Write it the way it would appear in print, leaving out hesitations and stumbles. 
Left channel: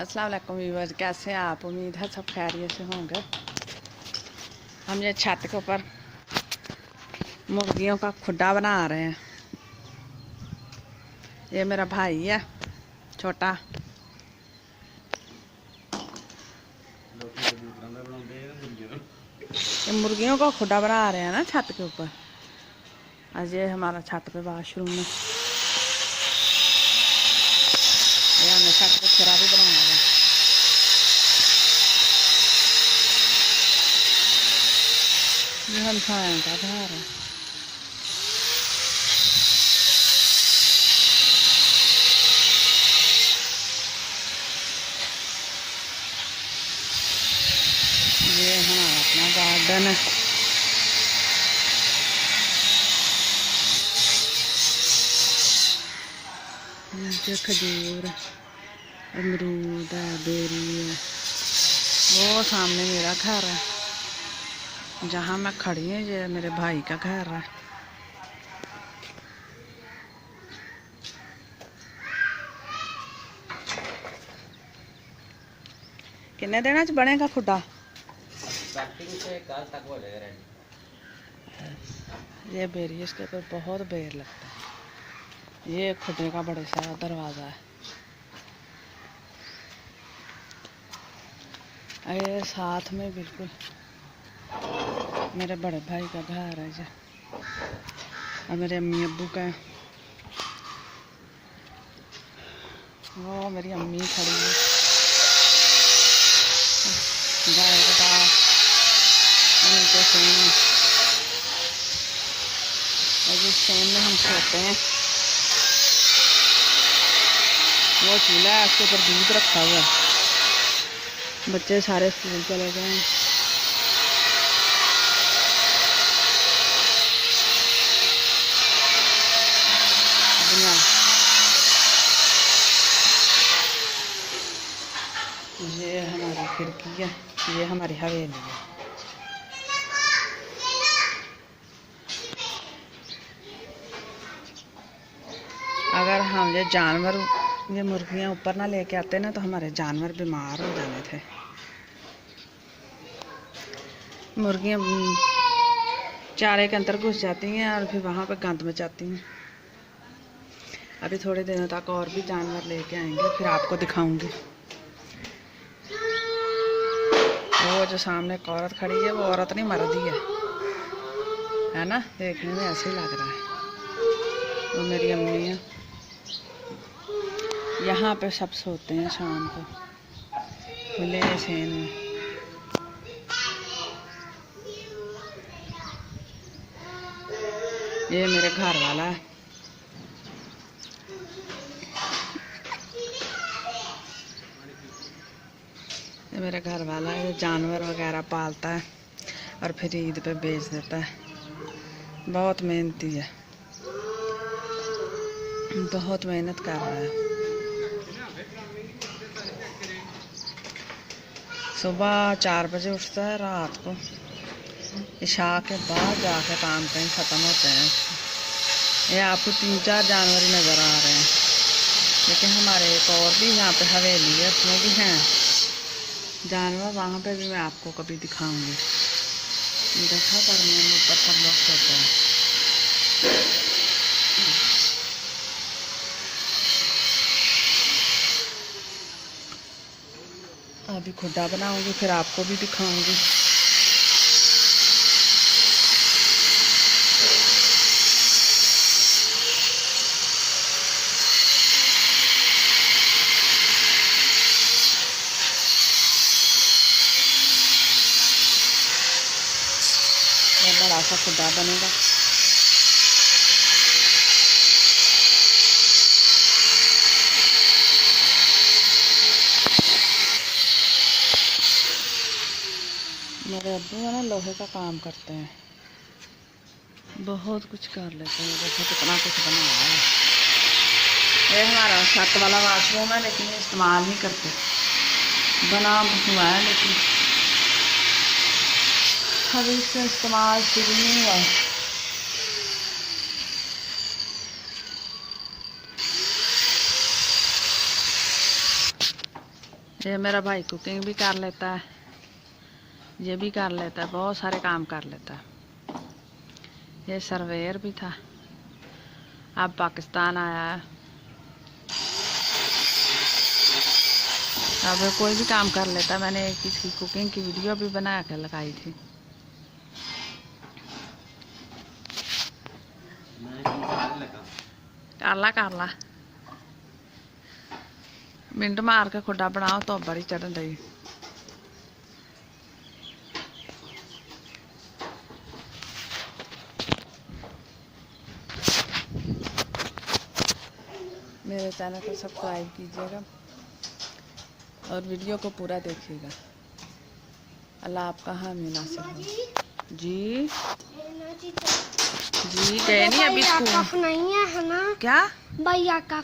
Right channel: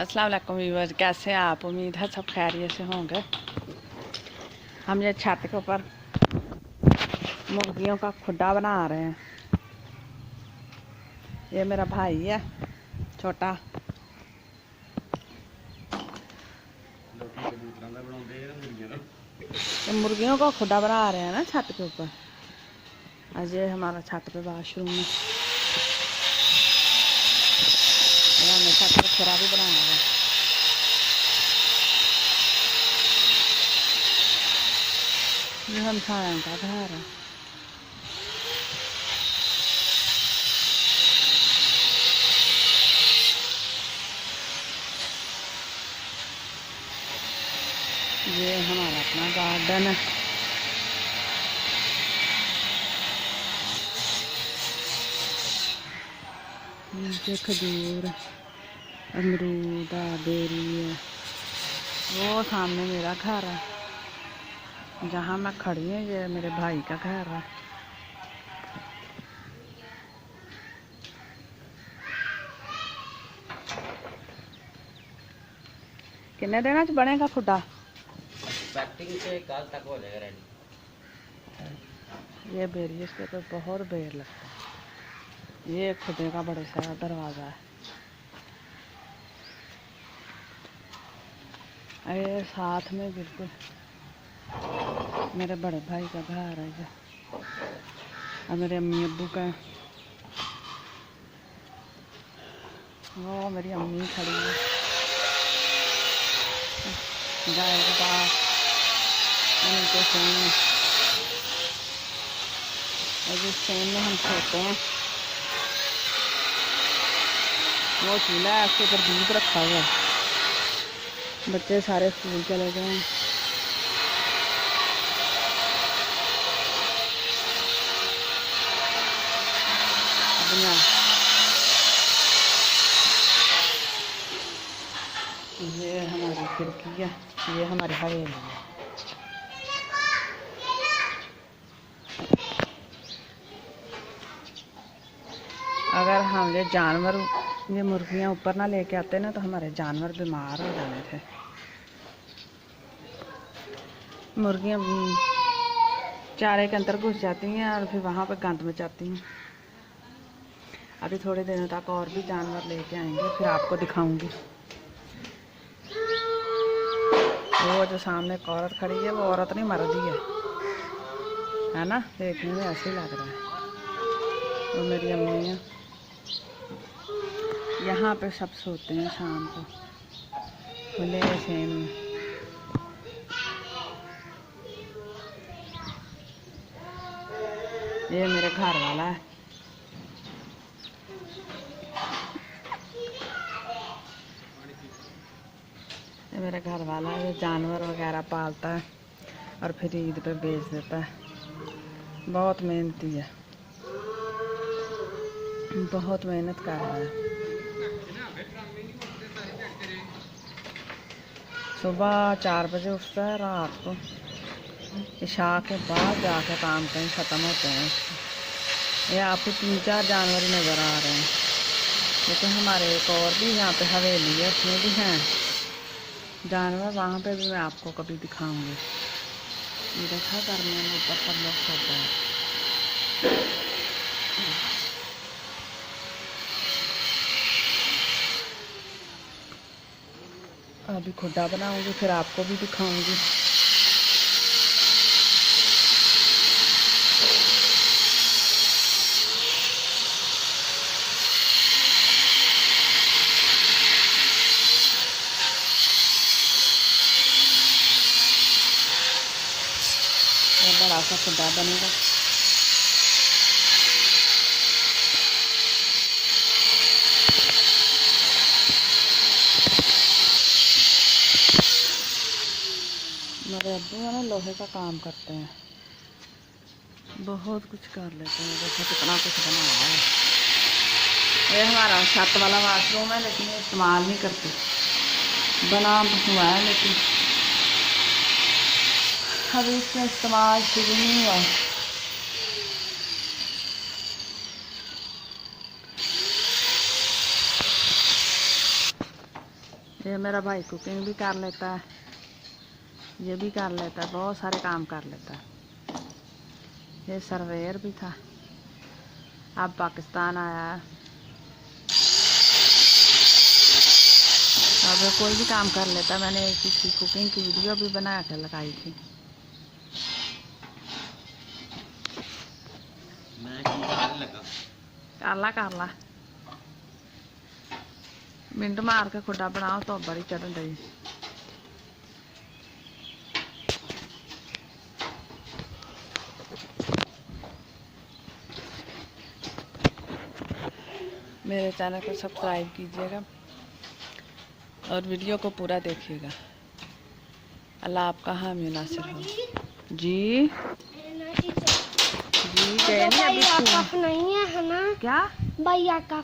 अस्सलाम वालेकुम व्यूअर्स, कैसे हैं आप? उम्मीद है सब खैरियत से होंगे। हम ये छत के ऊपर मुर्गियों का खुड्डा बना रहे हैं। ये मेरा भाई है छोटा। ये मुर्गियों का खुड्डा बना रहे हैं ना छत के ऊपर। आज ये हमारा छत पे वाशरूम है। ये हमने छत पे खुरा भी बनाया है। ये हम सायों का घर है। ये हमारा अपना गार्डन है। नीचे खजूर, अमरूद है, बेरी है। वो सामने मेरा घर है, जहाँ मैं खड़ी हूँ ये मेरे भाई का घर है। कितने दिन च बनेगा खुड्डा? पैकिंग से कल तक हो जाएगा रेडी। ये बेरी, इसके ऊपर बहुत बेर लगता है। ये खुदे का बड़ा सारा दरवाज़ा है। ये साथ में बिल्कुल मेरे बड़े भाई का घर है ये, और मेरे अम्मी अब्बू का। वो मेरी अम्मी खड़ी है गाय के पास, उनके सेम में। और जिस सेम में हम सोते हैं वो चूल्हा है, उसके ऊपर दूध रखा हुआ है। बच्चे सारे स्कूल चले गए हैं। ये हमारी खिड़की है, ये हमारी हवेली है। अगर हम ये जानवर, ये मुर्गियाँ ऊपर ना लेके आते ना तो हमारे जानवर बीमार हो जाने थे। मुर्गियाँ चारे के अंदर घुस जाती हैं और फिर वहाँ पे गंद मचाती हैं। अभी थोड़े दिनों तक और भी जानवर लेके आएंगे, फिर आपको दिखाऊंगी। वो जो सामने एक औरत खड़ी है, वो औरत नहीं मर्द ही है ना? देखने में ऐसे ही लग रहा है। वो मेरी अम्मी है। यहाँ पे सब सोते हैं शाम को खुले सेन में। ये मेरे घर वाला है। ये मेरे घर वाला है, ये जानवर वगैरह पालता है और फिर ईद पे बेच देता है। बहुत मेहनती है, बहुत मेहनत कर रहा है। सुबह 4 बजे उठता है, रात को इशा के बाद जाके काम कहीं ख़त्म होते हैं। ये आपको 3-4 जानवर ही नज़र आ रहे हैं, लेकिन हमारे एक और भी यहाँ पे हवेली है, उसमें भी हैं जानवर। वहाँ पे भी मैं आपको कभी दिखाऊंगी। देखा करने में ऊपर सब लोग सोते हैं। अभी खुड्डा बनाऊंगी, फिर आपको भी दिखाऊंगी। ये बड़ा सा खुड्डा बनेगा। मेरे अब्बू है ना, लोहे का काम करते हैं, बहुत कुछ कर लेते हैं। देखो कितना कुछ बनाया है। ये हमारा छत वाला वाशरूम है, लेकिन ये इस्तेमाल नहीं करते। बना हुआ है लेकिन अभी इसका इस्तेमाल शुरू नहीं हुआ। ये मेरा भाई कुकिंग भी कर लेता है, ये भी कर लेता है, बहुत सारे काम कर लेता है। ये सर्वेयर भी था, अब पाकिस्तान आया है। अब कोई भी काम कर लेता है। मैंने एक इसकी कुकिंग की वीडियो भी बना कर लगाई थी। काला काला मिंट मार के खुडा बनाओ तो बड़ी चढ़न रही। मेरे चैनल को सब्सक्राइब कीजिएगा और वीडियो को पूरा देखिएगा। अल्लाह आपका हामी नासिर हो। जी जी गए नहीं अभी स्कूल? नहीं है ना क्या भैया का